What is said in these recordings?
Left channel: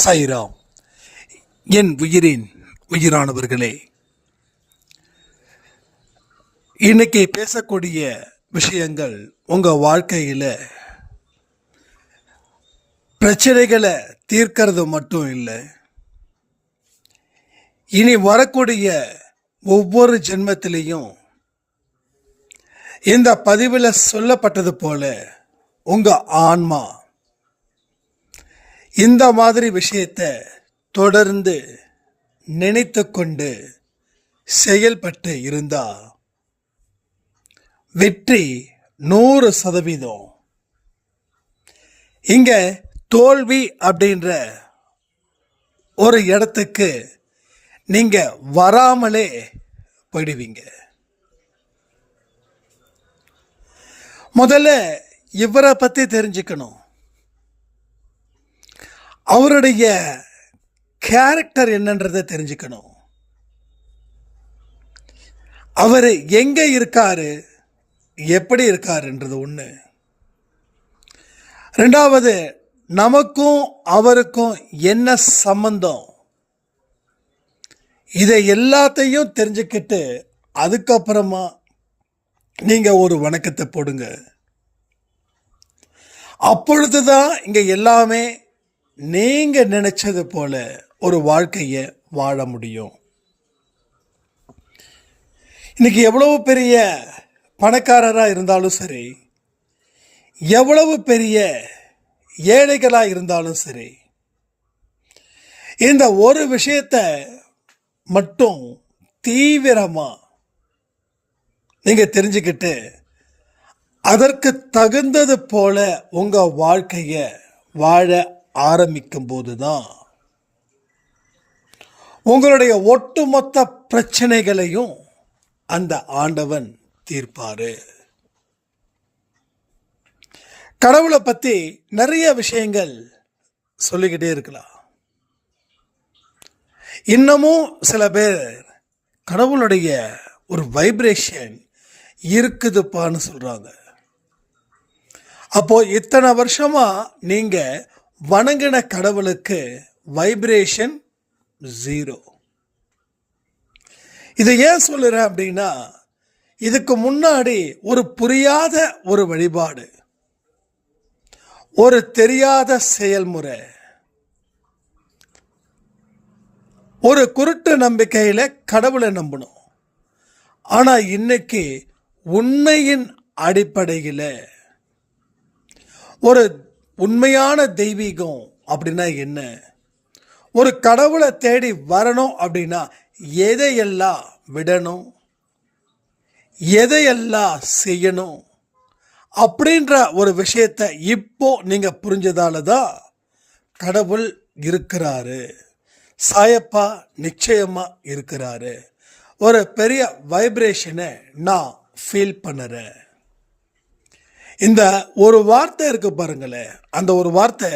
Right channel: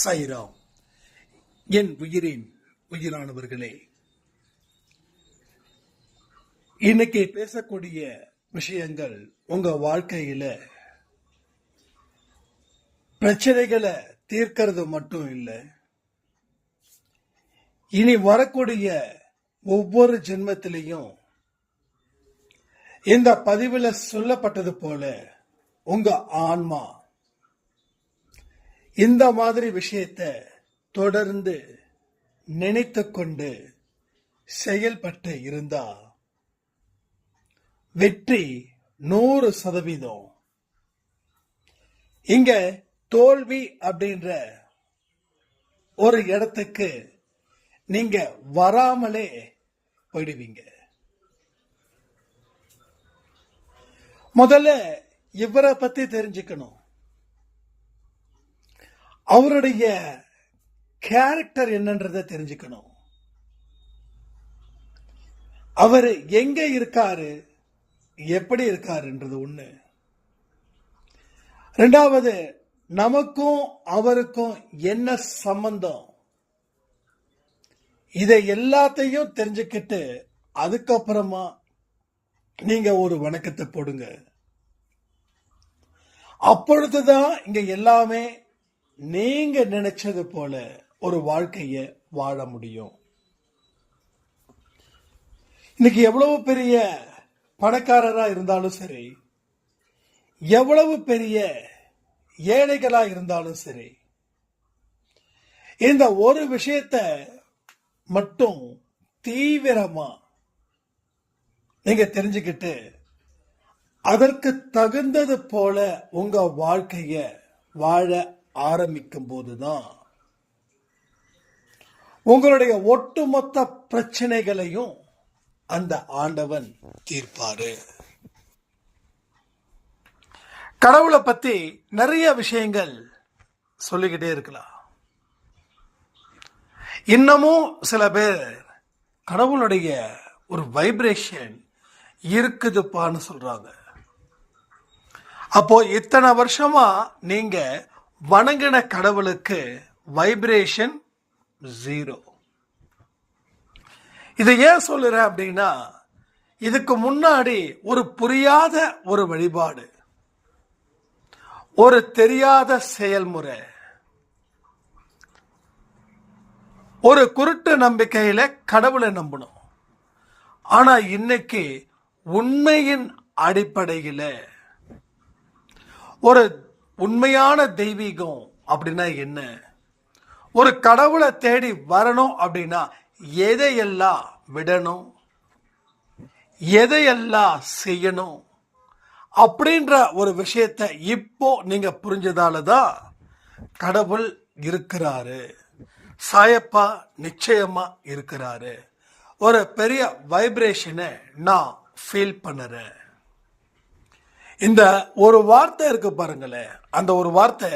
சாய்ராம். என் உயிரின் உயிரானவர்களே, இன்னைக்கு பேசக்கூடிய விஷயங்கள் உங்கள் வாழ்க்கையில் பிரச்சனைகளை தீர்க்கிறது மட்டும் இல்லை, இனி வரக்கூடிய ஒவ்வொரு ஜென்மத்திலையும் இந்த பதிவில் சொல்லப்பட்டது போல உங்கள் ஆன்மா இந்த மாதிரி விஷயத்தை தொடர்ந்து நினைத்து கொண்டு செயல்பட்டு இருந்தா வெற்றி 100%. இங்க தோல்வி அப்படின்ற ஒரு இடத்துக்கு நீங்க வராமலே போயிடுவீங்க. முதல்ல இவரை பத்தி தெரிஞ்சுக்கணும். அவருடைய கேரக்டர் என்னன்றதை தெரிஞ்சுக்கணும். அவர் எங்க இருக்காரு, எப்படி இருக்காருன்றது ஒன்று. ரெண்டாவது, நமக்கும் அவருக்கும் என்ன சம்பந்தம், இதை எல்லாத்தையும் தெரிஞ்சுக்கிட்டு அதுக்கப்புறமா நீங்க ஒரு வணக்கத்தை போடுங்க. அப்பொழுதுதான் இங்க எல்லாமே நீங்க நினைச்சது போல ஒரு வாழ்க்கையை வாழ முடியும். இன்னைக்கு எவ்வளவு பெரிய பணக்காரரா இருந்தாலும் சரி, எவ்வளவு பெரிய ஏழைகளா இருந்தாலும் சரி, இந்த ஒரு விஷயத்தை மட்டும் தீவிரமா நீங்க தெரிஞ்சுக்கிட்டு அதற்கு தகுந்தது போல உங்க வாழ்க்கையை வாழ ஆரம்பிக்கும் போதுதான் உங்களுடைய ஒட்டுமொத்த பிரச்சனைகளையும் அந்த ஆண்டவன் தீர்ப்பாரு. கடவுளை பத்தி நிறைய விஷயங்கள் சொல்லிக்கிட்டே இருக்கலாம். இன்னமும் சில பேர் கடவுளுடைய ஒரு வைப்ரேஷன் இருக்குதுப்பான்னு சொல்றாங்க. அப்போ இத்தனை வருஷமா நீங்க வணங்கின கடவுளுக்கு வைப்ரேஷன் 0. இதை ஏன் சொல்லுறேன் அப்படின்னா, இதுக்கு முன்னாடி ஒரு புரியாத ஒரு வழிபாடு, ஒரு தெரியாத செயல்முறை, ஒரு குருட்டு நம்பிக்கையில கடவுளை நம்பணும். ஆனா இன்னைக்கு உண்மையின் அடிப்படையில் ஒரு உண்மையான தெய்வீகம் அப்படின்னா என்ன, ஒரு கடவுளை தேடி வரணும் அப்படின்னா எதையெல்லாம் விடணும், எதையெல்லாம் செய்யணும் அப்படின்ற ஒரு விஷயத்தை இப்போ நீங்க புரிஞ்சதால தான் கடவுள் இருக்கிறாரு, சாயப்பா நிச்சயமா இருக்கிறாரு. ஒரு பெரிய வைப்ரேஷனை நான் ஃபீல் பண்ணுறேன். இந்த ஒரு வார்த்தை இருக்கு பாருங்களேன், அந்த ஒரு வார்த்தை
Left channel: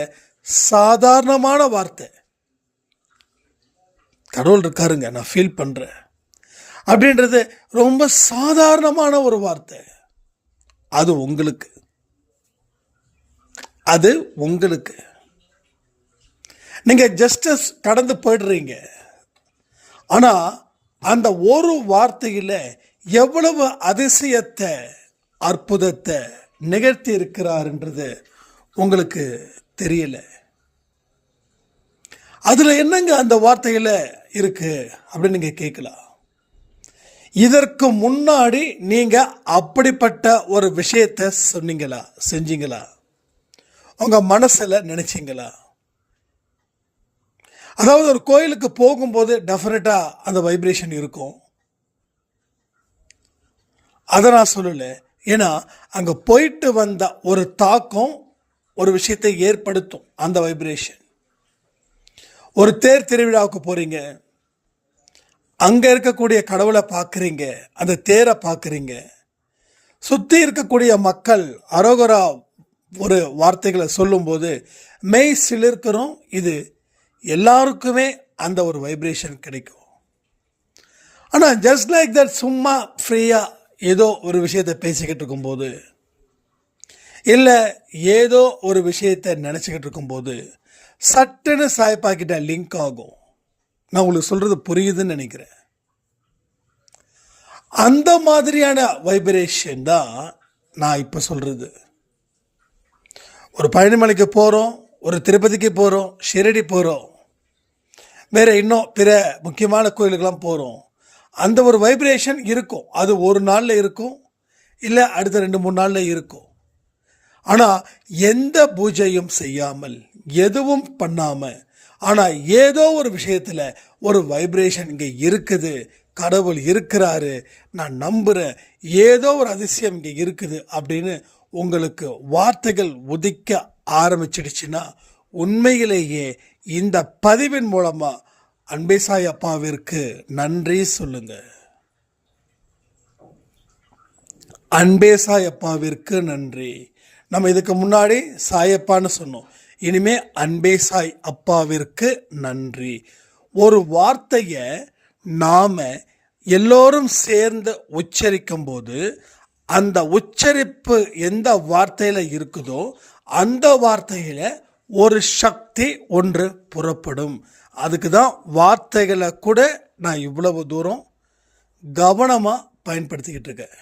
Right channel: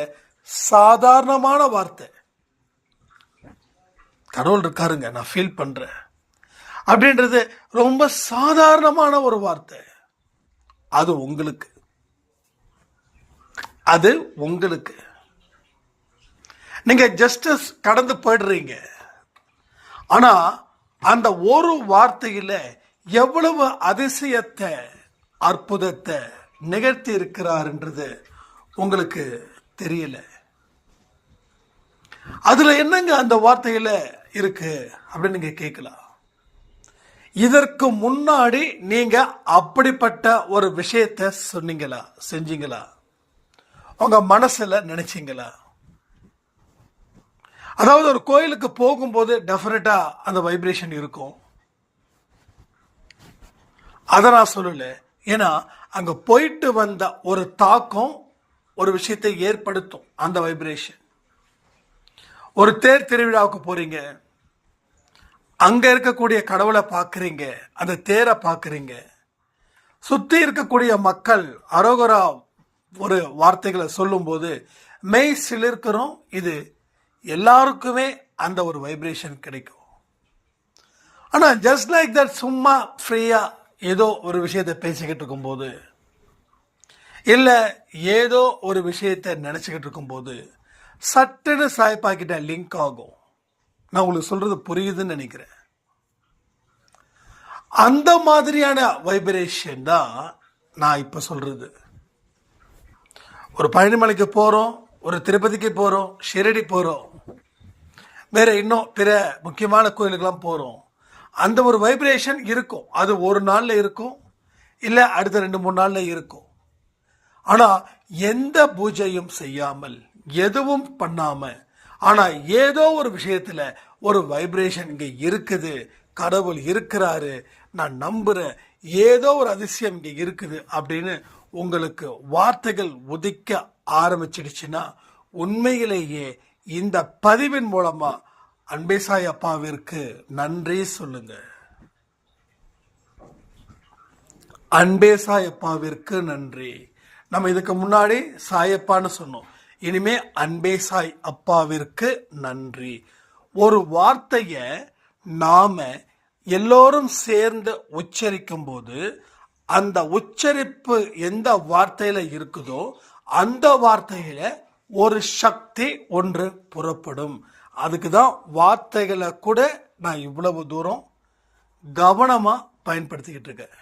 சாதாரணமான வார்த்தை. கடவுள் இருக்காருங்க, நான் ஃபீல் பண்றேன் அப்படின்றது ரொம்ப சாதாரணமான ஒரு வார்த்தை. அது உங்களுக்கு, அது உங்களுக்கு. நீங்க ஜஸ்டிஸ் கடந்து போயிடுறீங்க. ஆனா அந்த ஒரு வார்த்தையில எவ்வளவு அதிசயத்தை, அற்புதத்தை நிகழ்த்தி இருக்கிறார்ன்றது உங்களுக்கு தெரியல. அதுல என்னங்க அந்த வார்த்தையில இருக்கு அப்படின்னு நீங்க கேட்கலாம். இதற்கு முன்னாடி நீங்க அப்படிப்பட்ட ஒரு விஷயத்தை சொன்னீங்களா, செஞ்சீங்களா, உங்க மனசுல நினைச்சீங்களா? அதாவது ஒரு கோயிலுக்கு போகும்போது டெஃபினட்டா அந்த வைப்ரேஷன் இருக்கும். அதை நான் சொல்லலை. ஏன்னா அங்கே போயிட்டு வந்த ஒரு தாக்கம் ஒரு விஷயத்தை ஏற்படுத்தும், அந்த வைப்ரேஷன். ஒரு தேர் திருவிழாவுக்கு போறீங்க, அங்கே இருக்கக்கூடிய கடவுளை பார்க்குறீங்க, அந்த தேரை பார்க்குறீங்க, சுற்றி இருக்கக்கூடிய மக்கள் அரோகரா ஒரு வார்த்தைகளை சொல்லும்போது மெய் சிலிர்க்கிறோம். இது எல்லாருக்குமே அந்த ஒரு வைப்ரேஷன் கிடைக்கும். ஆனால் ஜஸ்ட் லைக் தட் சும்மா ஃப்ரீயாக ஏதோ ஒரு விஷயத்தை பேசிக்கிட்டு இருக்கும்போது, இல்லை ஏதோ ஒரு விஷயத்தை நினச்சிக்கிட்டு இருக்கும்போது சட்டுன்னு சாய்ப்பாக்கிட்ட லிங்க் ஆகும். நான் உங்களுக்கு சொல்கிறது புரியுதுன்னு நினைக்கிறேன். அந்த மாதிரியான வைப்ரேஷன் தான் நான் இப்போ சொல்கிறது. ஒரு பழனிமலைக்கு போகிறோம், ஒரு திருப்பதிக்கு போகிறோம், ஷிரடி போகிறோம், வேறு இன்னும் பிற முக்கியமான கோயிலுக்கெல்லாம் போகிறோம். அந்த ஒரு வைப்ரேஷன் இருக்கும். அது ஒரு நாளில் இருக்கும், இல்லை அடுத்த 2-3 நாளில் இருக்கும். ஆனால் எந்த பூஜையும் செய்யாமல், எதுவும் பண்ணாமல், ஆனால் ஏதோ ஒரு விஷயத்தில் ஒரு வைப்ரேஷன் இங்கே இருக்குது, கடவுள் இருக்கிறாரு, நான் நம்புகிறேன், ஏதோ ஒரு அதிசயம் இங்கே இருக்குது அப்படின்னு உங்களுக்கு வார்த்தைகள் உதிக்க ஆரம்பிச்சிடுச்சுன்னா, உண்மையிலேயே இந்த பதிவின் மூலமாக அன்பே சாய் அப்பாவிற்கு நன்றி சொல்லுங்க. அன்பே சாய் அப்பாவிற்கு நன்றி. நம்ம இதுக்கு முன்னாடி சாயப்பான்னு சொன்னோம், இனிமே அன்பே சாய் அப்பாவிற்கு நன்றி. ஒரு வார்த்தையை நாம் எல்லோரும் சேர்ந்து உச்சரிக்கும் போது அந்த உச்சரிப்பு எந்த வார்த்தையில் இருக்குதோ அந்த வார்த்தையில் ஒரு சக்தி ஒன்று புறப்படும். அதுக்கு தான் வார்த்தைகளை கூட நான் இவ்வளவு தூரம் கவனமாக பயன்படுத்திக்கிட்டு இருக்கேன்.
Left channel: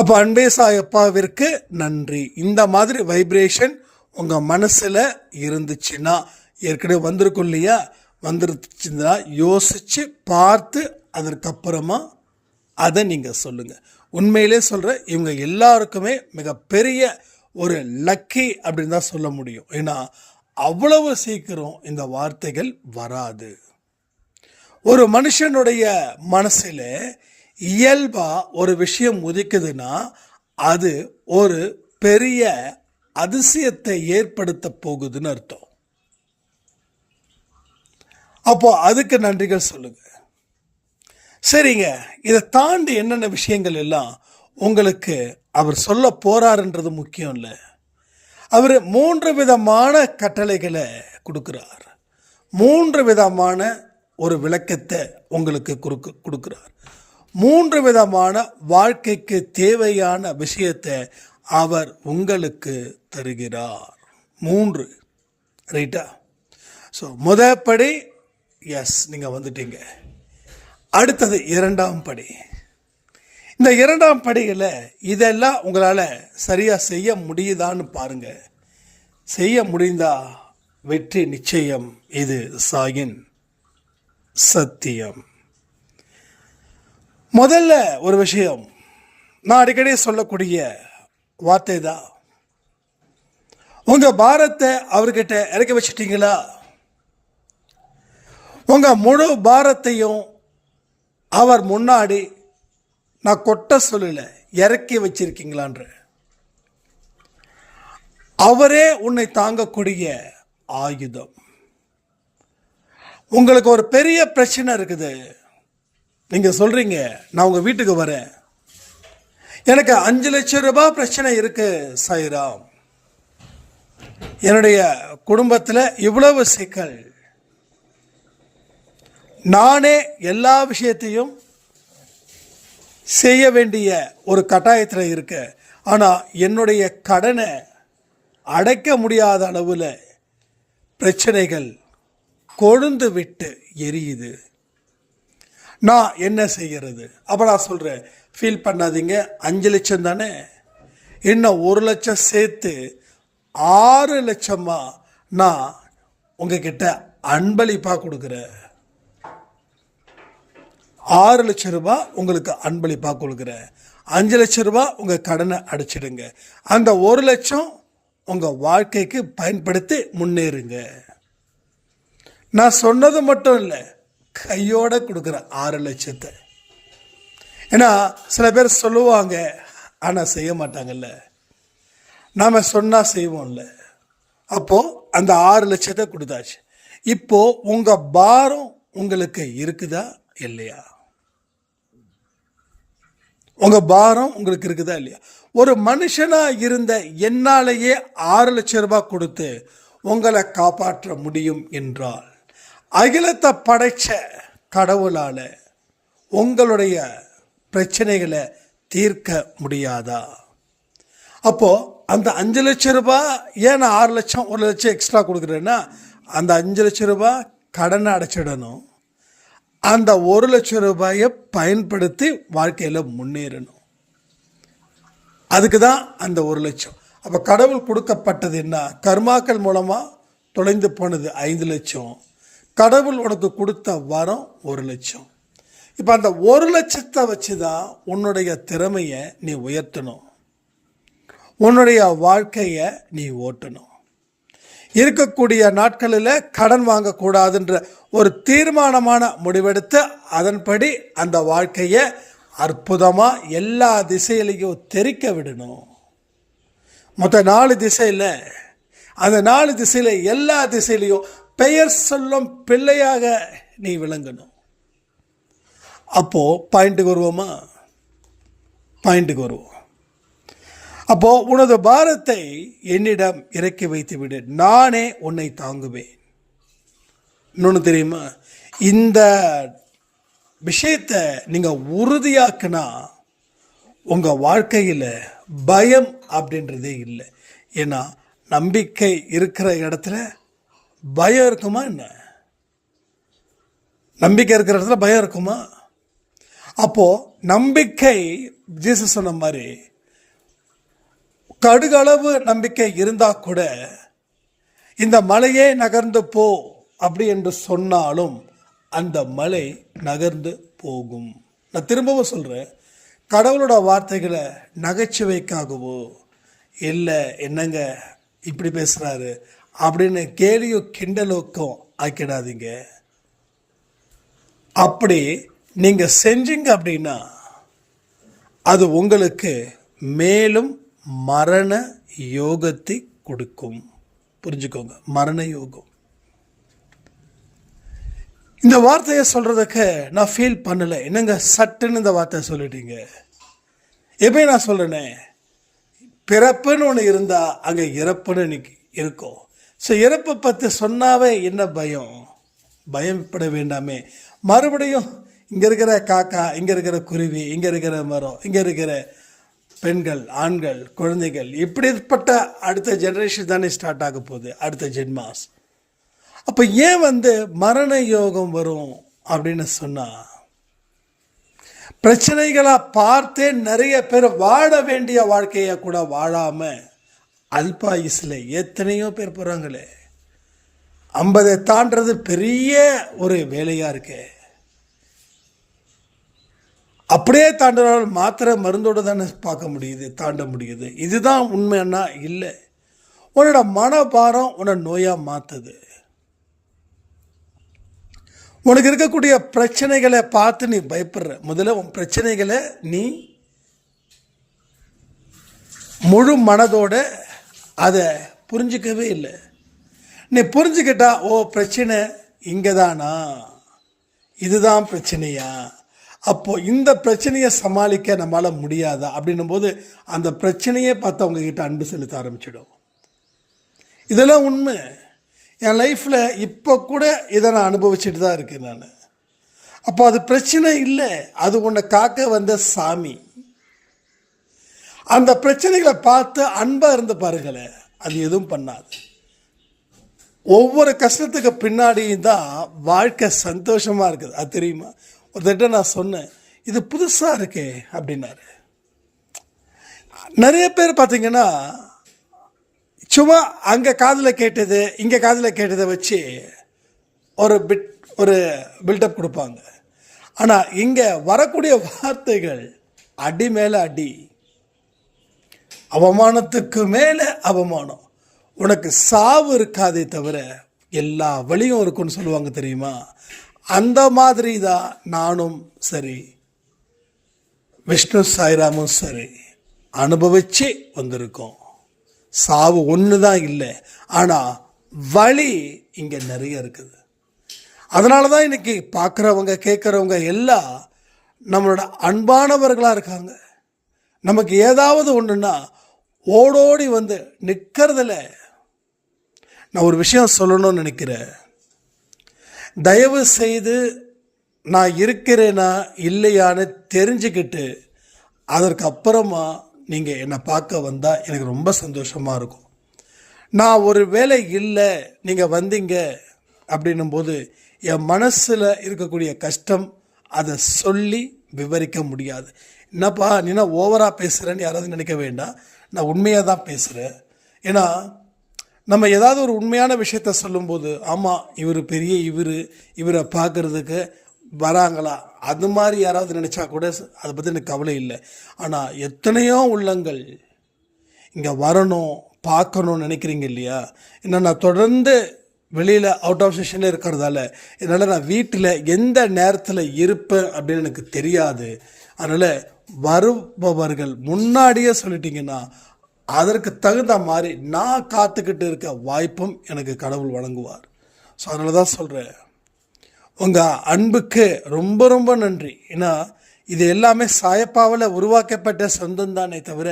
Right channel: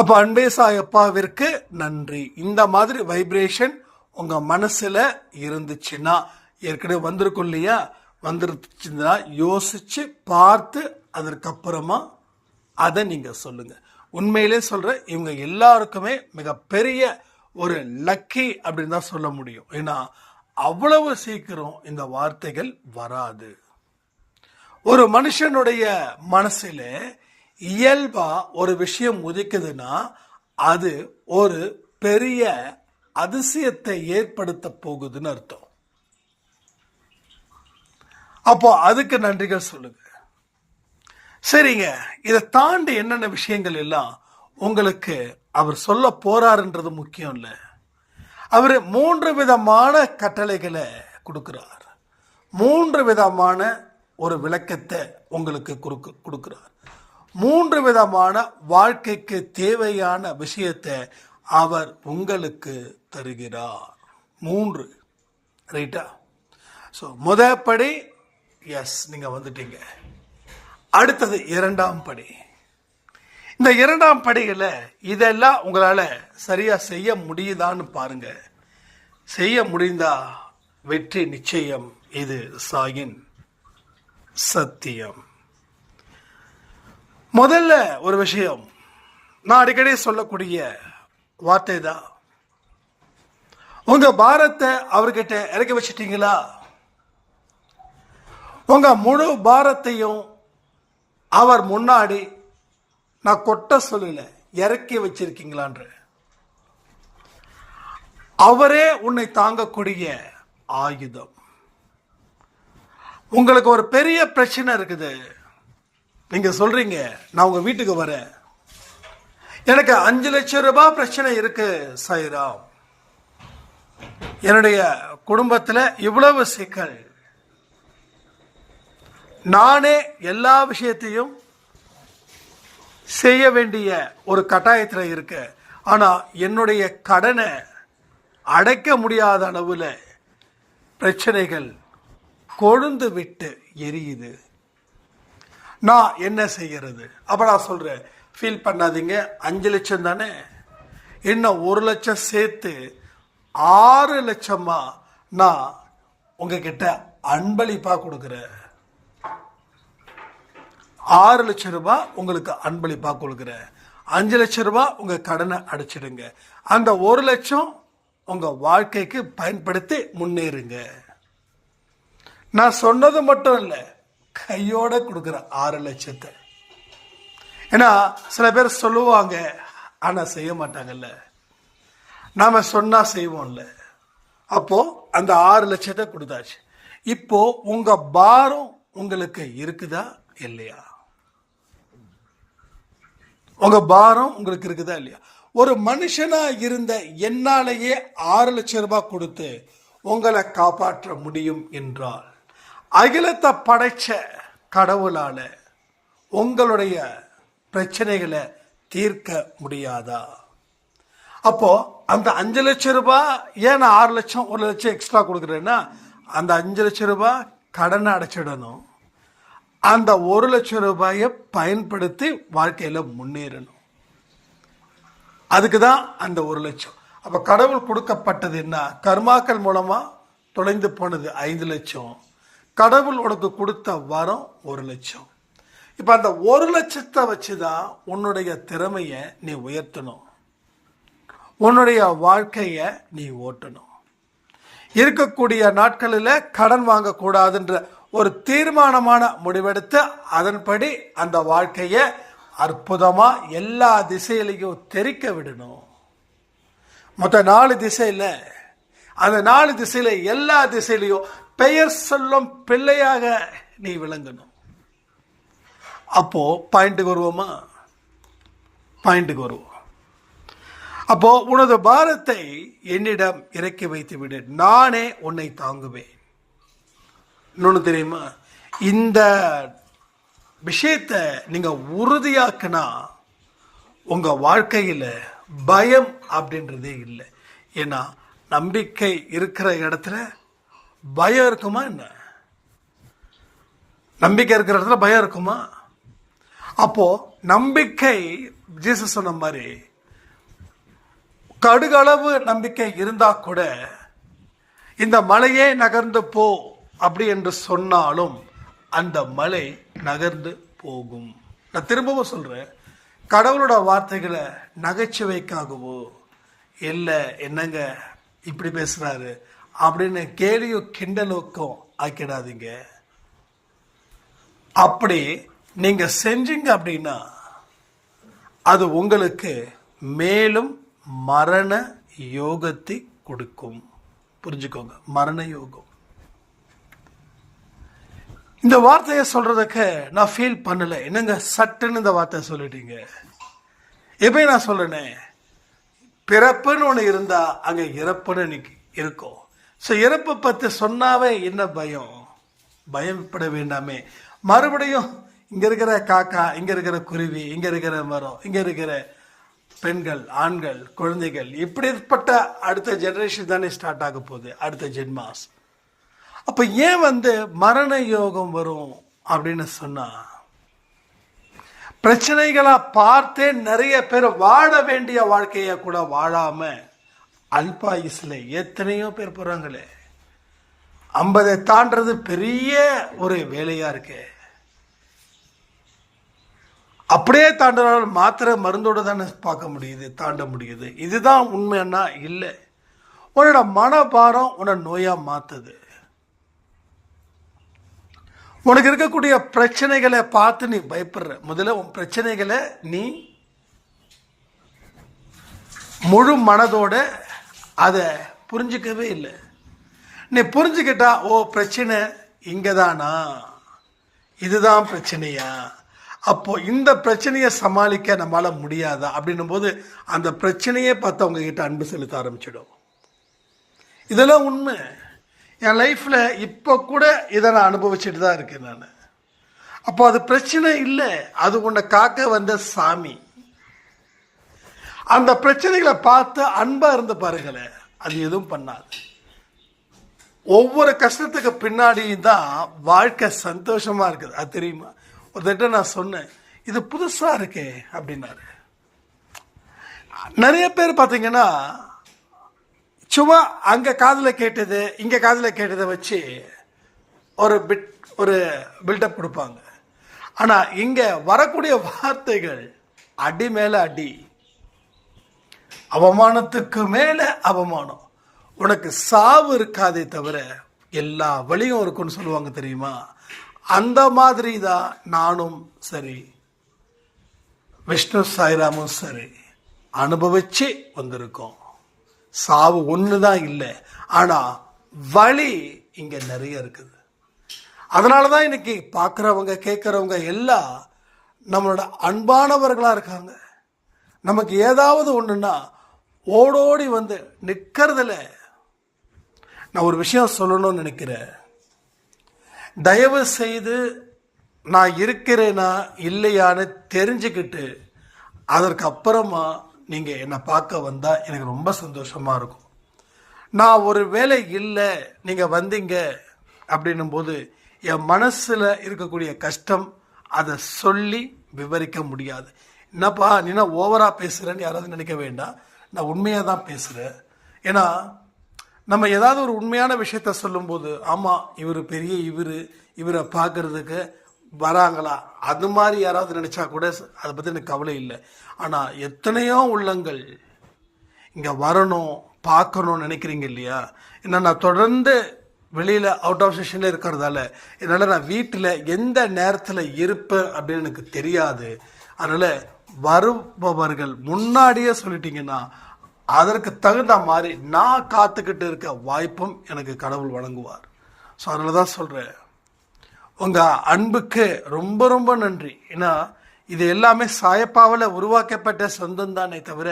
அப்போ அன்பே சாய் அப்பாவிற்கு நன்றி. இந்த மாதிரி வைப்ரேஷன் உங்கள் மனசில் இருந்துச்சுன்னா, ஏற்கனவே வந்திருக்கும் இல்லையா, வந்துருச்சுன்னா யோசித்து பார்த்து அதற்கப்புறமா அதை நீங்கள் சொல்லுங்கள். உண்மையிலே சொல்கிறேன், இவங்க எல்லாருக்குமே மிகப்பெரிய ஒரு லக்கி அப்படின்னு தான் சொல்ல முடியும். ஏன்னா அவ்வளவு சீக்கிரம் இந்த வார்த்தைகள் வராது. ஒரு மனுஷனுடைய மனசில் இயல்பாக ஒரு விஷயம் உதிக்குதுன்னா அது ஒரு பெரிய அதிசயத்தை ஏற்படுத்த போகுதுன்னு அர்த்தம். அப்போ அதுக்கு நன்றிகள் சொல்லுங்க. சரிங்க, இதை தாண்டி என்னென்ன விஷயங்கள் எல்லாம் உங்களுக்கு அவர் சொல்ல போறாருன்றது முக்கியம் இல்லை. அவர் 3 விதமான கட்டளைகளை கொடுக்குறார். 3 விதமான ஒரு விளக்கத்தை உங்களுக்கு கொடுக்குறார். 3 விதமான வாழ்க்கைக்கு தேவையான விஷயத்தை அவர் உங்களுக்கு தருகிறார். 3 ரைட்டா? ஸோ முதற்படி எஸ், நீங்கள் வந்துட்டீங்க. அடுத்தது 2ஆம் படி. இந்த 2ஆம் படியில் இதெல்லாம் உங்களால் சரியாக செய்ய முடியுதான்னு பாருங்கள். செய்ய முடிந்தா வெற்றி நிச்சயம். இது சாயின் சத்தியம். முதல்ல ஒரு விஷயம், நான் அடிக்கடி சொல்லக்கூடிய வார்த்தை தான், உங்கள் பாரத்தை அவர்கிட்ட இறக்கி வச்சிட்டீங்களா? உங்கள் முழு பாரத்தையும் அவர் முன்னாடி நான் கொட்ட சொல்லலை, இறக்கி வச்சிருக்கீங்களான்ற. அவரே உன்னை தாங்கக்கூடிய ஆயுதம். உங்களுக்கு ஒரு பெரிய பிரச்சனை இருக்குது, நீங்கள் சொல்கிறீங்க நான் உங்கள் வீட்டுக்கு வரேன், எனக்கு 5 லட்சம் ரூபாய் பிரச்சனை இருக்கு சாய்ராம், என்னுடைய குடும்பத்தில் இவ்வளவு சிக்கல், நானே எல்லா விஷயத்தையும் செய்ய வேண்டிய ஒரு கட்டாயத்தில் இருக்க, ஆனால் என்னுடைய கடனை அடைக்க முடியாத அளவில் பிரச்சனைகள் கொழுந்து விட்டு எரியுது, நான் என்ன செய்கிறது? அப்போ நான் சொல்கிறேன், ஃபீல் பண்ணாதீங்க, 5 லட்சம் தானே, இன்னும் 1 லட்சம் சேர்த்து 6 லட்சமாக நான் உங்ககிட்ட அன்பளிப்பாக கொடுக்குறேன். 6 லட்சம் ரூபாய் உங்களுக்கு அன்பளிப்பாக கொடுக்குறேன். 5 லட்சம் ரூபாய் உங்கள் கடனை அடைச்சிடுங்க. அந்த 1 லட்சம் உங்கள் வாழ்க்கைக்கு பயன்படுத்தி முன்னேறுங்க. நான் சொன்னது மட்டும் இல்லை, கையோடு கொடுக்குறேன் 6 லட்சத்தை. ஏன்னா சில பேர் சொல்லுவாங்க, ஆனால் செய்ய மாட்டாங்கல்ல. நாம் சொன்னால் செய்வோம்ல. அப்போது அந்த 6 லட்சத்தை கொடுத்தாச்சு. இப்போது உங்கள் பாரம் உங்களுக்கு இருக்குதா இல்லையா? உங்கள் பாரம் உங்களுக்கு இருக்குதா இல்லையா? ஒரு மனுஷனாக இருந்த என்னாலேயே 6 லட்சம் ரூபாய் கொடுத்து உங்களை காப்பாற்ற முடியும் என்றால், அகிலத்தை படைச்ச கடவுளால் உங்களுடைய பிரச்சனைகளை தீர்க்க முடியாதா? அப்போது அந்த 5 லட்சம் ரூபாய் ஏன் நான் 6 லட்சம் 1 லட்சம் எக்ஸ்ட்ரா கொடுக்குறேன்னா, அந்த 5 லட்சம் ரூபாய் கடனை அடைச்சிடணும், அந்த 1 லட்சம் ரூபாயை பயன்படுத்தி வாழ்க்கையில் முன்னேறணும். அதுக்கு தான் அந்த 1 லட்சம். அப்போ கடவுள் கொடுக்கப்பட்டது என்ன? கர்மாக்கள் மூலமாக தொலைந்து போனது 5 லட்சம். கடவுள் உனக்கு கொடுத்த வரம் 1 லட்சம். இப்போ அந்த 1 லட்சத்தை வச்சு தான் உன்னுடைய திறமையை நீ உயர்த்தணும், உன்னுடைய வாழ்க்கையை நீ ஓட்டணும். இருக்கக்கூடிய நாட்களில் கடன் வாங்கக்கூடாதுன்ற ஒரு தீர்மானமான முடிவெடுத்து அதன்படி அந்த வாழ்க்கையை அற்புதமாக எல்லா திசையிலையும் தெரிக்க விடணும். மொத்தம் 4 திசையில், அந்த 4 திசையில் எல்லா திசையிலையும் பெயர் சொல்லும் பிள்ளையாக நீ விளங்கணும். அப்போது பாயிண்ட்டுக்கு வருவோம். அப்போது உனது பாரத்தை என்னிடம் இறக்கி வைத்து விடு, நானே உன்னை தாங்குவேன். இன்னொன்று தெரியுமா, இந்த விஷயத்தை நீங்கள் உறுதியாக்குனா உங்கள் வாழ்க்கையில் பயம் அப்படின்றதே இல்லை. ஏன்னா நம்பிக்கை இருக்கிற இடத்துல பயம் இருக்குமா என்ன? நம்பிக்கை இருக்கிற இடத்துல பயம் இருக்குமா? அப்போது நம்பிக்கை, ஜீசஸ் சொன்ன மாதிரி, கடுகளவு நம்பிக்கை இருந்தால் கூட இந்த மலையே நகர்ந்து போ அப்படி என்று சொன்னாலும் அந்த மலை நகர்ந்து போகும். நான் திரும்பவும் சொல்கிறேன், கடவுளோட வார்த்தைகளை நகைச்சுவைக்காகவோ இல்லை என்னங்க இப்படி பேசுகிறாரு அப்படின்னு கேலியோ கிண்டலுக்கும் ஆக்கிடாதீங்க. அப்படி நீங்கள் செஞ்சீங்க அப்படின்னா அது உங்களுக்கு மேலும் மரண யோகத்தை கொடுக்கும். புரிஞ்சுக்கோங்க, மரண யோகம். இந்த வார்த்தையை சொல்கிறதுக்கு நான் ஃபீல் பண்ணலை. என்னங்க சட்டுன்னு இந்த வார்த்தையை சொல்லிட்டீங்க. எப்போ நான் சொல்கிறேனே, பிறப்புன்னு ஒன்று இருந்தால் அங்கே இறப்புன்னு இருக்கும். ஸோ இறப்பை பற்றி சொன்னாவே என்ன பயப்பட வேண்டாமே. மறுபடியும் இங்கே இருக்கிற காக்கா, இங்கே இருக்கிற குருவி, இங்கே இருக்கிற மரம், இங்கே இருக்கிற பெண்கள், ஆண்கள், குழந்தைகள், இப்படிப்பட்ட அடுத்த ஜெனரேஷன் தானே ஸ்டார்ட் ஆக போகுது, அடுத்த ஜென்மாஸ். அப்போ ஏன் மரண யோகம் வரும் அப்படின்னு சொன்னால், பிரச்சனைகளாக பார்த்தே நிறைய பேர் வாழ வேண்டிய வாழ்க்கையை கூட வாழாமல் அல்பாயுசில் எத்தனையோ பேர் போகிறாங்களே. 50 தாண்டது பெரிய ஒரு வேலையாக இருக்கு. அப்படியே தாண்டினாலும் மாத்திரை மருந்தோடு தானே பார்க்க முடியுது, தாண்ட முடியுது. இதுதான் உண்மைன்னா இல்லை. உன்னோட மனபாரம் உன்னை நோயாக மாற்றுது. உனக்கு இருக்கக்கூடிய பிரச்சனைகளை பார்த்து நீ பயப்படுற. முதல்ல உன் பிரச்சனைகளை நீ முழு மனதோட அதை புரிஞ்சிக்கவே இல்லை. நீ புரிஞ்சுக்கிட்டா, ஓ பிரச்சனை இங்கே தானா, இதுதான் பிரச்சனையா, அப்போது இந்த பிரச்சனையை சமாளிக்க நம்மளால் முடியாதா அப்படின்னும் போது அந்த பிரச்சனையே பார்த்து அவங்கக்கிட்ட அன்பு செலுத்த ஆரம்பிச்சிடும். இதெல்லாம் உண்மை. என் லைஃப்பில் இப்போ கூட இதை நான் அனுபவிச்சுட்டு தான் இருக்கேன் நான். அப்போ அது பிரச்சனை இல்லை, அது உன்னை காக்க வந்த சாமி. அந்த பிரச்சனைகளை பார்த்து அன்பாக இருந்து பாருங்களேன், அது எதுவும் பண்ணாது. ஒவ்வொரு கஷ்டத்துக்கு பின்னாடியும் தான் வாழ்க்கை சந்தோஷமாக இருக்குது. அது தெரியுமா? ஒருத்தட்ட நான் சொன்னேன், இது புதுசாக இருக்கே அப்படின்னாரு. நிறைய பேர் பார்த்தீங்கன்னா சும்மா அங்கே காதில் கேட்டது இங்கே காதில் கேட்டதை வச்சு ஒரு பில்டப் கொடுப்பாங்க. ஆனால் இங்கே வரக்கூடிய வார்த்தைகள் அடி மேலே அடி, அவமானத்துக்கு மேலே அவமானம். உனக்கு சாவு இருக்காதே தவிர எல்லா வழியும் இருக்குன்னு சொல்லுவாங்க தெரியுமா? அந்த மாதிரி தான் நானும் சரி, விஷ்ணு சாய்ராமும் சரி அனுபவிச்சு வந்திருக்கோம். சாவு ஒன்று தான் இல்லை, ஆனால் வழி இங்கே நிறைய இருக்குது. அதனால தான் இன்றைக்கி பார்க்குறவங்க கேட்குறவங்க எல்லாம் நம்மளோட அன்பானவர்களாக இருக்காங்க. நமக்கு ஏதாவது ஒன்றுன்னா ஓடோடி நிற்கிறதில்ல. நான் ஒரு விஷயம் சொல்லணும்னு நினைக்கிறேன். தயவு செய்து நான் இருக்கிறேனா இல்லையான்னு தெரிஞ்சுக்கிட்டு அதற்கு அப்புறமா நீங்கள் என்னை பார்க்க வந்தால் எனக்கு ரொம்ப சந்தோஷமாக இருக்கும். நான் ஒரு வேலை இல்லை நீங்கள் வந்தீங்க அப்படின்னும் போது என் மனசில் இருக்கக்கூடிய கஷ்டம் அதை சொல்லி விவரிக்க முடியாது. என்னப்பா நீனா ஓவராக பேசுகிறேன்னு யாராவது நினைக்க வேண்டாம், நான் உண்மையாக தான் பேசுகிறேன். ஏன்னா நம்ம ஏதாவது ஒரு உண்மையான விஷயத்த சொல்லும்போது ஆமாம் இவர் பெரிய இவரை பார்க்குறதுக்கு வராங்களா அது மாதிரி யாராவது நினச்சா கூட அதை பற்றி எனக்கு கவலை இல்லை. ஆனால் எத்தனையோ உள்ளங்கள் இங்கே வரணும் பார்க்கணும்னு நினைக்கிறீங்க இல்லையா? ஏன்னா நான் தொடர்ந்து வெளியில் அவுட் ஆஃப் ஸ்டேஷனில் இருக்கிறதால என்னால் நான் வீட்டில் எந்த நேரத்தில் இருப்பேன் அப்படின்னு எனக்கு தெரியாது. அதனால் வருபவர்கள் முன்னாடியே சொல்லிட்டீங்கன்னா அதற்கு தகுந்த மாதிரி நான் காத்துக்கிட்டு இருக்க வாய்ப்பும் எனக்கு கடவுள் வழங்குவார். ஸோ அதனால தான் சொல்கிறேன், உங்கள் அன்புக்கு ரொம்ப ரொம்ப நன்றி. ஏன்னா இது எல்லாமே சாயப்பாவில் உருவாக்கப்பட்ட சொந்தம் தானே தவிர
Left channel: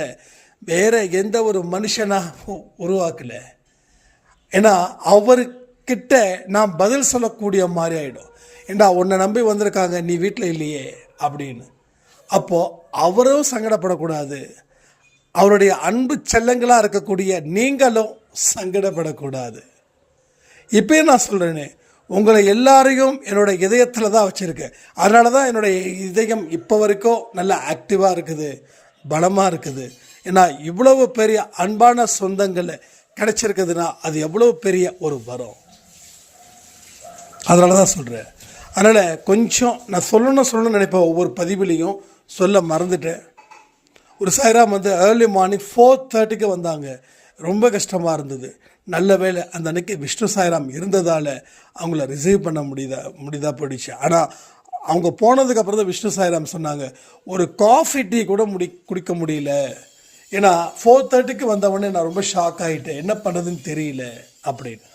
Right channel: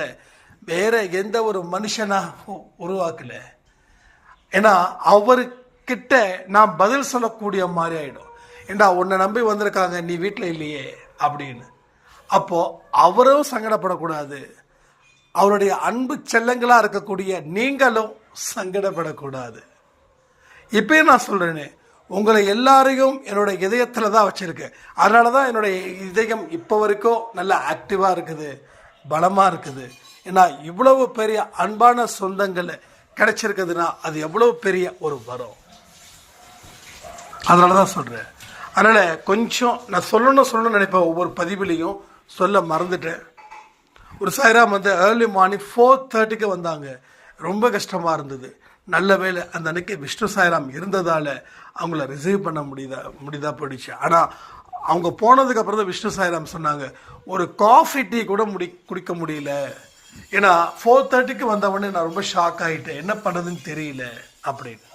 வேறு எந்த ஒரு மனுஷனாக உருவாக்கலை. ஏன்னா அவர்கிட்ட நான் பதில் சொல்லக்கூடிய மாதிரி ஆகிடும். ஏண்டா உன்னை நம்பி வந்திருக்காங்க நீ வீட்டில் இல்லையே அப்படின்னு. அப்போது அவரும் சங்கடப்படக்கூடாது, அவருடைய அன்பு செல்லங்களாக இருக்கக்கூடிய நீங்களும் சங்கடப்படக்கூடாது. இப்போயும் நான் சொல்கிறேனே, உங்களை எல்லாரையும் என்னோட இதயத்தில் தான் வச்சுருக்கேன். அதனால தான் என்னுடைய இதயம் இப்போ வரைக்கும் நல்லா ஆக்டிவாக இருக்குது, பலமாக இருக்குது. ஏன்னா இவ்வளவு பெரிய அன்பான சொந்தங்களை கிடைச்சிருக்குதுன்னா அது எவ்வளோ பெரிய ஒரு வரம். அதனால தான் சொல்கிறேன். அதனால் கொஞ்சம் நான் சொல்லணும்னு நினைப்பேன், ஒவ்வொரு பதிவுலையும் சொல்ல மறந்துட்டேன். ஒரு சாய்ராம் வந்து ஏர்லி மார்னிங் 4:30 வந்தாங்க. ரொம்ப கஷ்டமாக இருந்தது. நல்ல வேளை அந்த அன்னைக்கு விஷ்ணு சாய்ராம் இருந்ததால் அவங்கள ரிசீவ் பண்ண முடியுதா போயிடுச்சு. ஆனால் அவங்க போனதுக்கப்புறம் தான் விஷ்ணு சாய்ராம் சொன்னாங்க, ஒரு காஃபி டீ கூட குடிக்க முடியல. ஏன்னா 4:30 வந்தவொடனே நான் ரொம்ப ஷாக் ஆகிட்டேன், என்ன பண்ணுறதுன்னு தெரியல அப்படின்னு.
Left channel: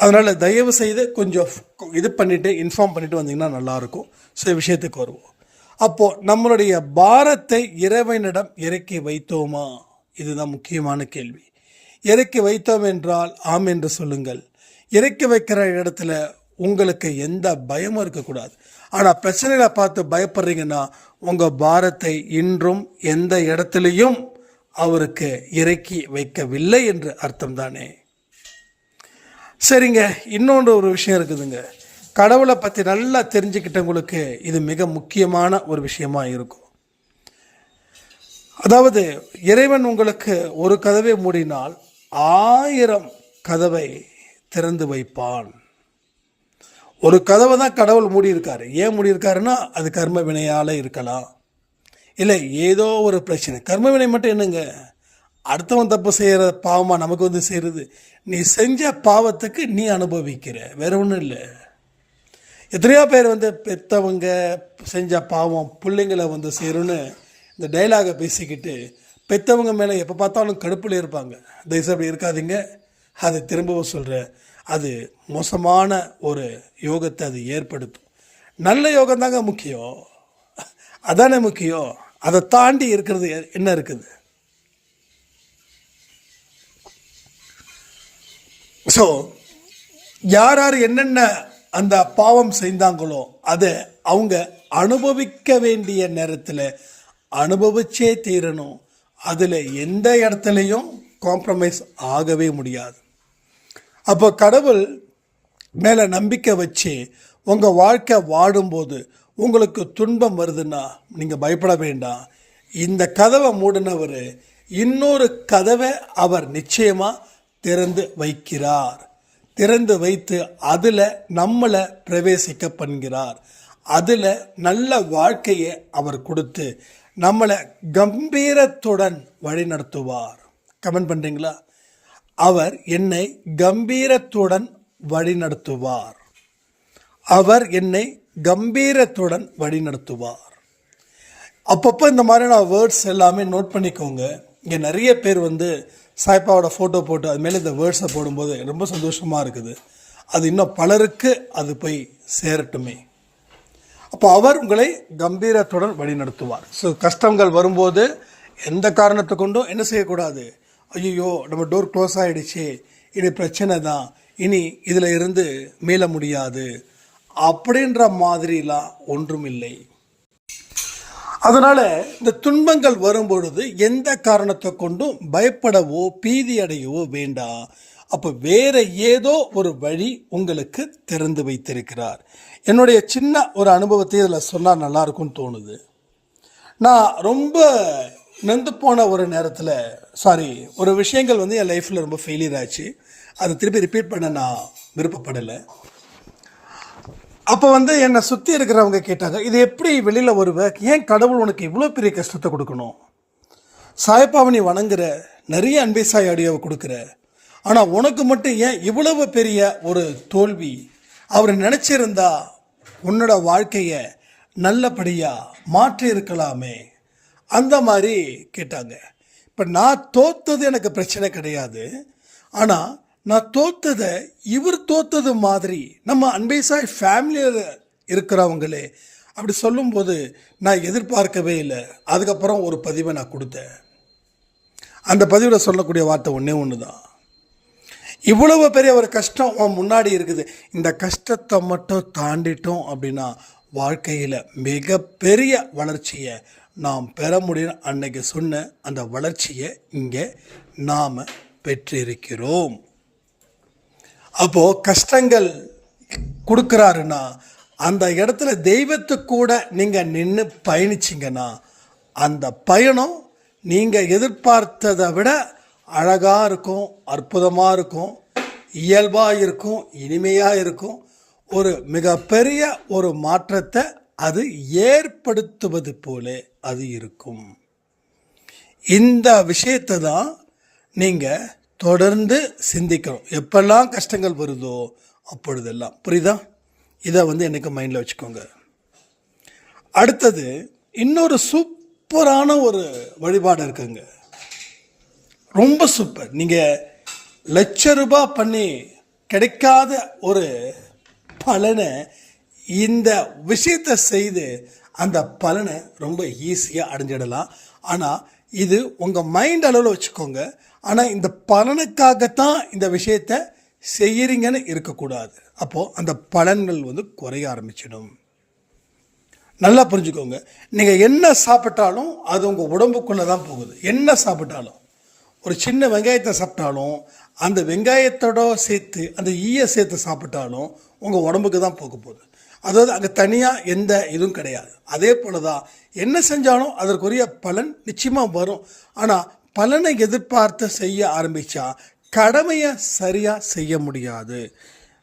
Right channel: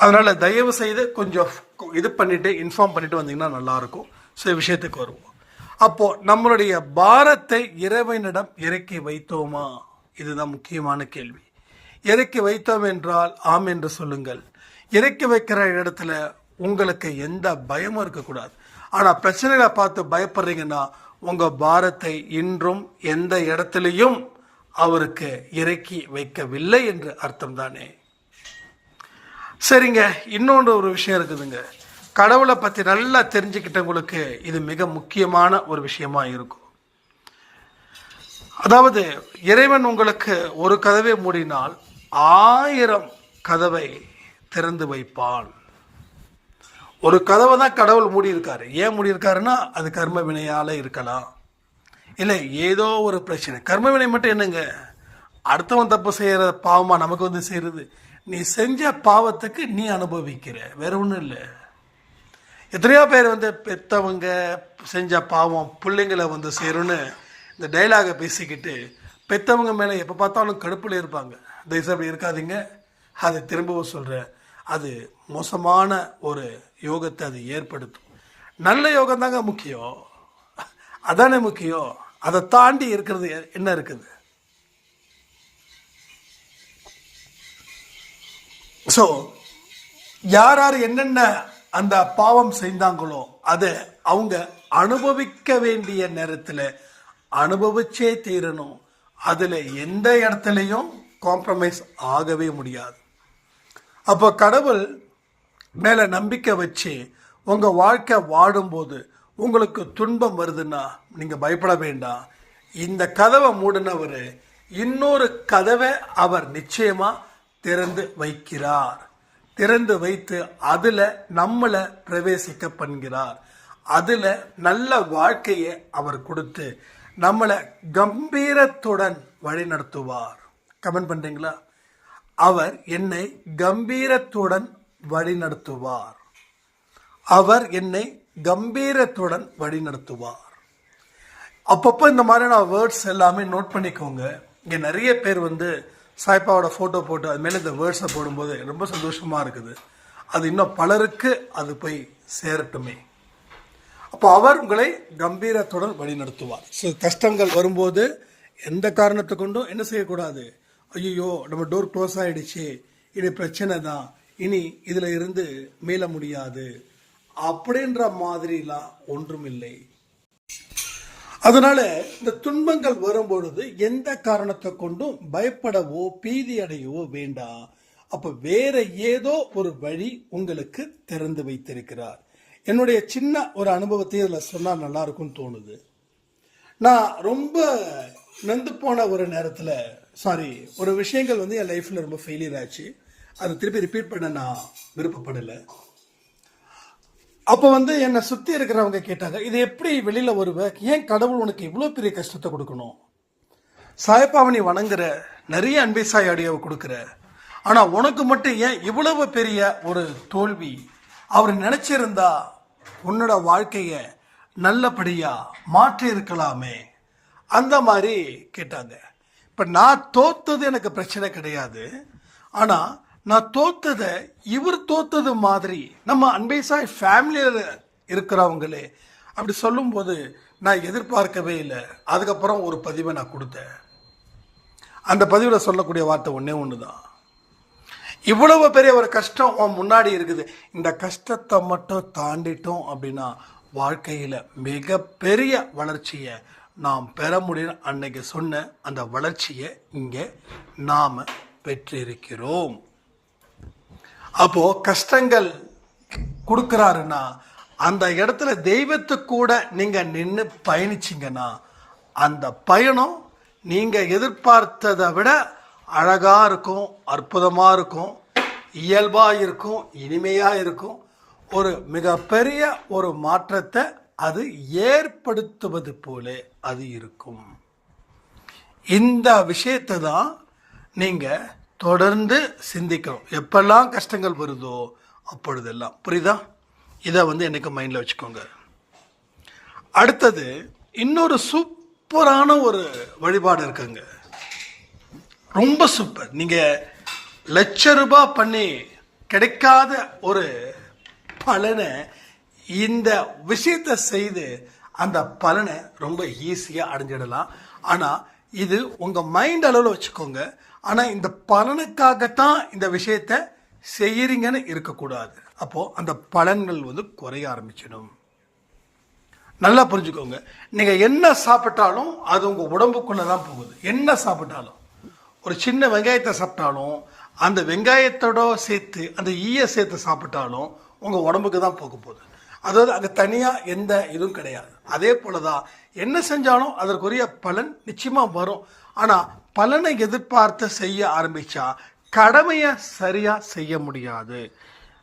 அதனால் தயவு செய்து கொஞ்சம் இது பண்ணிவிட்டு இன்ஃபார்ம் பண்ணிவிட்டு வந்தீங்கன்னா நல்லாயிருக்கும். சில விஷயத்துக்கு வருவோம். அப்போது நம்மளுடைய பாரத்தை இறைவனிடம் இறக்கி வைத்தோமா? இதுதான் முக்கியமான கேள்வி. இறக்கி வைத்தோம் என்றால் ஆம் என்று சொல்லுங்கள். இறக்கி வைக்கிற இடத்துல உங்களுக்கு எந்த பயமும் இருக்கக்கூடாது. ஆனால் பிரச்சனைகளை பார்த்து பயப்படுறீங்கன்னா உங்கள் பாரத்தை இன்றும் எந்த இடத்துலையும் அவருக்கு இறக்கி வைக்கவில்லை என்று அர்த்தம் தானே. சரிங்க, இன்னொன்று ஒரு விஷயம் இருக்குதுங்க. கடவுளை பற்றி நல்லா தெரிஞ்சுக்கிட்டவங்களுக்கு இது மிக முக்கியமான ஒரு விஷயமா இருக்கும். அதாவது இறைவன் உங்களுக்கு ஒரு கதவை மூடினால் 1000 கதவை திறந்து வைப்பான். ஒரு கதவை தான் கடவுள் மூடியிருக்காரு. ஏன் மூடியிருக்காருன்னா அது கர்ம வினையால் இருக்கலாம், இல்லை ஏதோ ஒரு பிரச்சனை. கர்ம வினை மட்டும் என்னங்க, அடுத்தவன் தப்பு செய்கிற பாவமாக நமக்கு வந்து செய்கிறது. நீ செஞ்ச பாவத்துக்கு நீ அனுபவிக்கிற, வேற ஒன்றும் இல்லை. எத்தனையோ பேர் வந்து பெற்றவங்க செஞ்ச பாவம் பிள்ளைங்களை வந்து சேரும்னு இந்த டைலாகை பேசிக்கிட்டு பெற்றவங்க மேலே எப்போ பார்த்தாலும் கடுப்பில் இருப்பாங்க. தயவுசெய்து அப்படி இருக்காதீங்க. அதை திரும்பவும் சொல்கிறேன், அது மோசமான ஒரு யோகத்தை அது ஏற்படுத்தும். நல்ல யோகம் தாங்க முக்கியம், அதானே முக்கியம். அதை தாண்டி இருக்கிறது என்ன இருக்குது? ஸோ யார் யார் என்னென்ன அந்த பாவம் செய்தாங்களோ அதை அவங்க அனுபவிக்க வேண்டிய நேரத்தில் அனுபவிச்சே தீரணும். அதில் எந்த இடத்துலையும் காம்ப்ரமைஸ் ஆகவே முடியாது. அப்போ கடவுள் மேலே நம்பிக்கை வச்சு உங்கள் வாழ்க்கை வாடும்போது உங்களுக்கு துன்பம் வருதுன்னா நீங்கள் பயப்பட வேண்டாம். இந்த கதவை மூடினவர் இன்னொரு கதவை அவர் நிச்சயமாக திறந்து வைக்கிறார். திறந்து வைத்து அதில் நம்மளை பிரவேசிக்க பண்ணுகிறார். அதில் நல்ல வாழ்க்கையை அவர் கொடுத்து நம்மளை கம்பீரத்துடன் வழி நடத்துவார். கமெண்ட் பண்ணுறீங்களா? அவர் என்னை கம்பீரத்துடன் வழி நடத்துவார். அவர் என்னை கம்பீரத்துடன் வழி நடத்துவார். அப்பப்போ இந்த மாதிரியான வேர்ட்ஸ் எல்லாமே நோட் பண்ணிக்கோங்க. இங்கே நிறைய பேர் வந்து சாய்பாவோட ஃபோட்டோ போட்டு அது மேலே இந்த வேர்ட்ஸை போடும்போது ரொம்ப சந்தோஷமாக இருக்குது. அது இன்னும் பலருக்கு அது போய் சேரட்டுமே. அப்போ அவர் உங்களை கம்பீரத்துடன் வழி நடத்துவார். ஸோ கஷ்டங்கள் வரும்போது எந்த காரணத்தை கொண்டும் என்ன செய்யக்கூடாது, ஐயோ நம்ம டோர் க்ளோஸ் ஆகிடுச்சு, இனி பிரச்சனை தான், இனி இதில் இருந்து மீள முடியாது அப்படின்ற மாதிரிலாம் ஒன்றும் இல்லை. அதனால இந்த துன்பங்கள் வரும்பொழுது எந்த காரணத்தை கொண்டும் பயப்படவோ பீதி அடையவோ வேண்டாம். அப்போ வேற ஏதோ ஒரு வழி உங்களுக்கு திறந்து வைத்திருக்கிறார். என்னுடைய சின்ன ஒரு அனுபவத்தை இதில் சொன்னால் நல்லா இருக்கும்னு தோணுது. நான் ரொம்ப நொந்து போன ஒரு நேரத்தில் ஒரு விஷயங்கள் என் லைஃப்பில் ரொம்ப ஃபெயிலியர் ஆச்சு. அதை திருப்பி ரிப்பீட் பண்ண நான் விருப்பப்படலை. அப்போ என்னை சுற்றி இருக்கிறவங்க கேட்டாங்க, இது எப்படி வெளியில் வருவ, ஏன் கடவுள் உனக்கு இவ்வளோ பெரிய கஷ்டத்தை கொடுக்கணும், சாய்பாவை நீ வணங்குற, நிறைய அன்பை சாய் ஆடியோவை கொடுக்குற, ஆனால் உனக்கு மட்டும் ஏன் இவ்வளவு பெரிய ஒரு தோல்வி, அவர் நினச்சிருந்தா உன்னோட வாழ்க்கையை நல்லபடியாக மாற்றி இருக்கலாமே, அந்த மாதிரி கேட்டாங்க. இப்போ நான் தோத்தது எனக்கு பிரச்சனை கிடையாது, ஆனால் நான் தோத்ததை இவர் தோத்தது மாதிரி நம்ம அன்பை சாய் ஃபேமிலியில் இருக்கிறவங்களே அப்படி சொல்லும்போது நான் எதிர்பார்க்கவே இல்லை. அதுக்கப்புறம் ஒரு பதிவை நான் கொடுத்தேன். அந்த பதிவில் சொல்லக்கூடிய வார்த்தை ஒன்று தான், இவ்வளவு பெரிய ஒரு கஷ்டம் முன்னாடி இருக்குது, இந்த கஷ்டத்தை மட்டும் தாண்டிட்டோம் அப்படின்னா வாழ்க்கையில் மிகப்பெரிய வளர்ச்சியை நாம் பெற முடியும். அன்னைக்கு சொன்ன அந்த வளர்ச்சியை இங்கே நாம் பெற்றிருக்கிறோம். அப்போது கஷ்டங்கள் கொடுக்குறாருன்னா அந்த இடத்துல தெய்வத்துக்கு கூட நீங்கள் நின்று பயணிச்சிங்கன்னா அந்த பயணம் நீங்கள் எதிர்பார்த்ததை விட அழகாக இருக்கும், அற்புதமாக இருக்கும், இயல்பாக இருக்கும், இனிமையாக இருக்கும். ஒரு மிகப்பெரிய ஒரு மாற்றத்தை அது ஏற்படுத்துவது போல அது இருக்கும். இந்த விஷயத்தை தான் நீங்கள் தொடர்ந்து சிந்திக்கணும். எப்பெல்லாம் கஷ்டங்கள் வருதோ அப்பொழுதெல்லாம். புரியுதா? இதை எனக்கு மைண்டில் வச்சுக்கோங்க. அடுத்தது இன்னொரு சூப்பரான ஒரு வழிபாடு இருக்குங்க, ரொம்ப சூப்பர். நீங்கள் ₹1,00,000 பண்ணி கிடைக்காத ஒரு பலனை இந்த விஷயத்தை செய்து அந்த பலனை ரொம்ப ஈஸியாக அடைஞ்சிடலாம். ஆனால் இது உங்கள் மைண்ட் அளவில் வச்சுக்கோங்க. ஆனால் இந்த பலனுக்காகத்தான் இந்த விஷயத்தை செய்கிறீங்கன்னு இருக்கக்கூடாது. அப்போது அந்த பலன்கள் குறைய ஆரம்பிச்சிடும். நல்லா புரிஞ்சுக்கோங்க. நீங்கள் என்ன சாப்பிட்டாலும் அது உங்கள் உடம்புக்குள்ளே தான் போகுது. என்ன சாப்பிட்டாலும், ஒரு சின்ன வெங்காயத்தை சாப்பிட்டாலும் அந்த வெங்காயத்தோட சேர்த்து அந்த ஈயை சேர்த்து சாப்பிட்டாலும் உங்கள் உடம்புக்கு தான் போக போகுது. அதாவது அங்கே தனியாக எந்த இதுவும் கிடையாது. அதே போல தான் என்ன செஞ்சாலும் அதற்குரிய பலன் நிச்சயமாக வரும். ஆனால் பலனை எதிர்பார்த்து செய்ய ஆரம்பித்தா கடமையை சரியாக செய்ய முடியாது.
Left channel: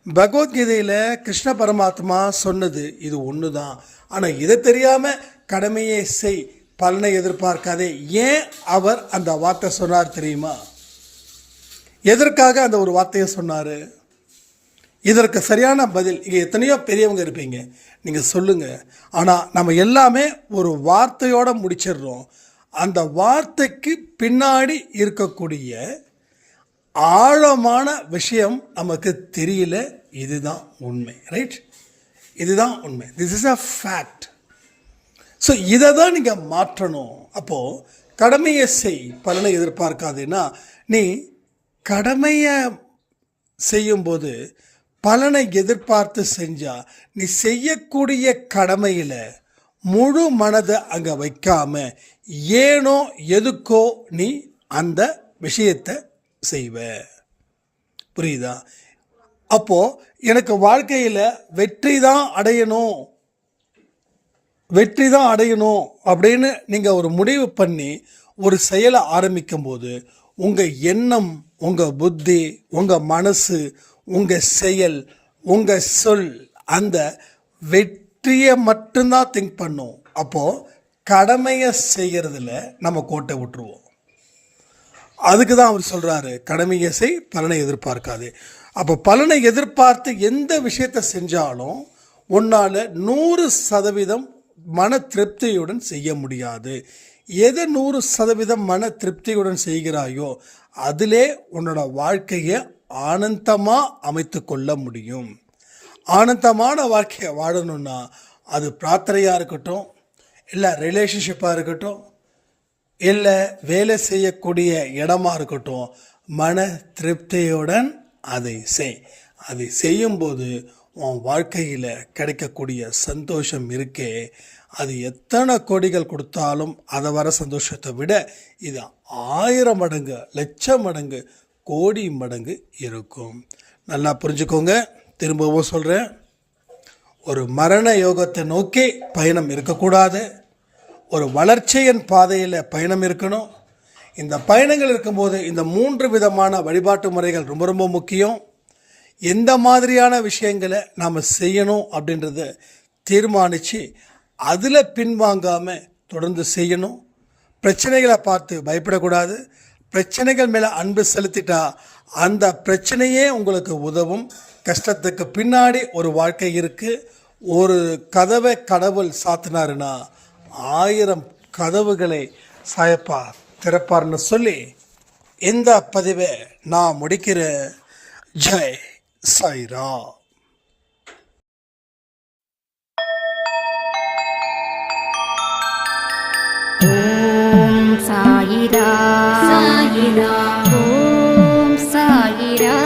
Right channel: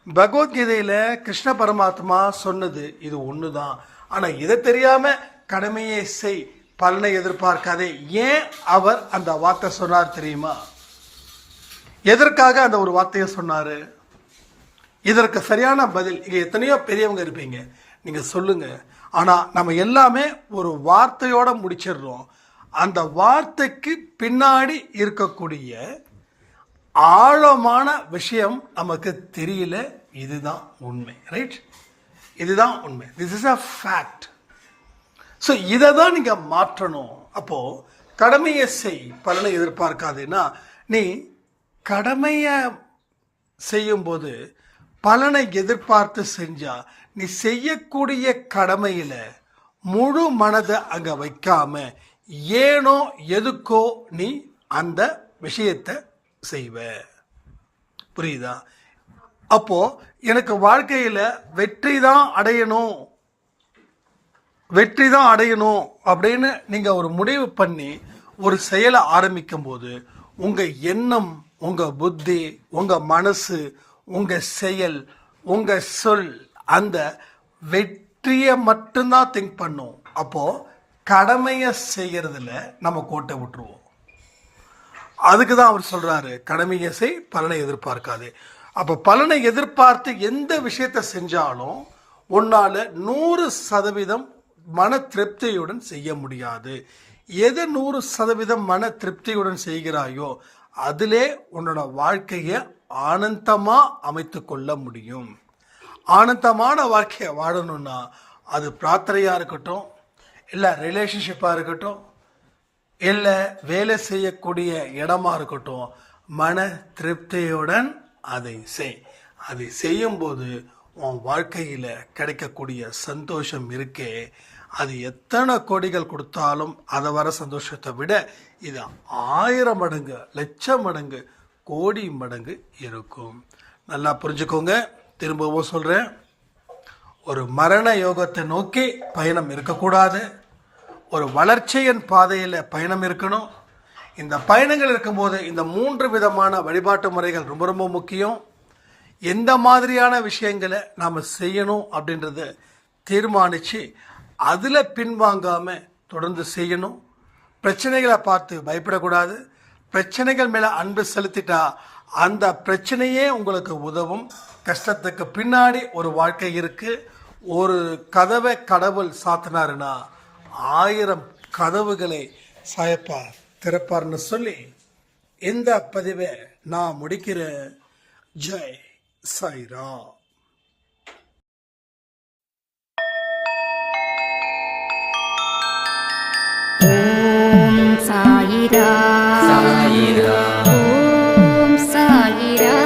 பகவத்கீதையில் கிருஷ்ண பரமாத்மா சொன்னது இது ஒன்று தான். ஆனால் இதை தெரியாமல் கடமையை செய், பலனை எதிர்பார்க்காதே. ஏன் அவர் அந்த வார்த்தை சொன்னார் தெரியுமா? எதற்காக அந்த ஒரு வார்த்தையை சொன்னார்? இதற்கு சரியான பதில் இங்கே எத்தனையோ பெரியவங்க இருப்பீங்க, நீங்கள் சொல்லுங்கள். ஆனால் நம்ம எல்லாமே ஒரு வார்த்தையோடு முடிச்சிடுறோம். அந்த வார்த்தைக்கு பின்னாடி இருக்கக்கூடிய ஆழமான விஷயம் நமக்கு தெரியல. இதுதான் உண்மை, ரைட்? இதுதான் உண்மை. This is a fact. So இதை தான் நீங்கள் மாற்றணும். அப்போது கடமையை செய், பலனை எதிர்பார்க்காதுன்னா, நீ கடமையை செய்யும்போது பலனை எதிர்பார்த்து செஞ்சால் நீ செய்யக்கூடிய கடமையில் முழு மனதை அங்கே வைக்காம ஏனோ எதுக்கோ நீ அந்த விஷயத்தை செய்வ. புரியுதா? அப்போது எனக்கு வாழ்க்கையில் வெற்றி தான் அடையணும் அப்படின்னு நீங்கள் ஒரு முடிவு பண்ணி ஒரு செயலை ஆரம்பிக்கும்போது உங்கள் எண்ணம், உங்கள் புத்தி, உங்கள் மனசு, உங்கள் செயல், உங்கள் சொல் அந்த வெற்றியை மட்டும்தான் திங்க் பண்ணும். அப்போது கடமையை செய்கிறதுல நம்ம கோட்டை விட்டுருவோம். அதுக்கு தான் அவர் சொல்கிறாரு, கடமையை செய், பலனை எதிர்பார்க்காது. அப்போ பலனை எதிர்பார்த்து எந்த விஷயத்தை செஞ்சாலும் உன்னால் 100% மன திருப்தியுடன் செய்ய முடியாது. எது 100% மன திருப்தியுடன் செய்கிறாயோ அதிலே உன்னோட வாழ்க்கையை ஆனந்தமாக அமைத்து கொள்ள முடியும். ஆனந்தமான வாழ்க்கையை வாழணும்னா அது பிரார்த்தனையாக இருக்கட்டும், இல்லை ரிலேஷன்ஷிப்பாக இருக்கட்டும், இல்லை வேலை செய்யக்கூடிய இடமா இருக்கட்டும், மன திருப்தியுடன் அதை செய். அதை செய்யும்போது உன் வாழ்க்கையில் கிடைக்கக்கூடிய சந்தோஷம் இருக்கே, அது எத்தனை கோடிகள் கொடுத்தாலும் அதை வர சந்தோஷத்தை விட இது 1000 மடங்கு, லட்சம் மடங்கு, கோடி மடங்கு இருக்கும். நல்லா புரிஞ்சுக்கோங்க. திரும்பவும் சொல்கிறேன், ஒரு மரண யோகத்தை நோக்கி பயணம் இருக்கக்கூடாது. ஒரு வளர்ச்சியின் பாதையில் பயணம் இருக்கணும். இந்த பயணங்கள் இருக்கும்போது இந்த 3 விதமான வழிபாட்டு முறைகள் ரொம்ப ரொம்ப முக்கியம். எந்த மாதிரியான விஷயங்களை நாம் செய்யணும் அப்படின்றத தீர்மானித்து அதில் பின்வாங்காமல் தொடர்ந்து செய்யணும். பிரச்சனைகளை பார்த்து பயப்படக்கூடாது. பிரச்சனைகள் மேலே அன்பு செலுத்திட்டா அந்த பிரச்சனையே உங்களுக்கு உதவும். கஷ்டத்துக்கு பின்னாடி ஒரு வாழ்க்கை இருக்குது. ஒரு கதவை கடவுள் சாத்தினாருன்னா 1000 கதவுகளை சாயப்பார் திறப்பார்னு சொல்லி இந்த பதிவை நான் முடிக்கிறேன். ஜெய் சாய்ராம். ஓம் சாயிரா, சாயிரா, ஓம் சாயிரா.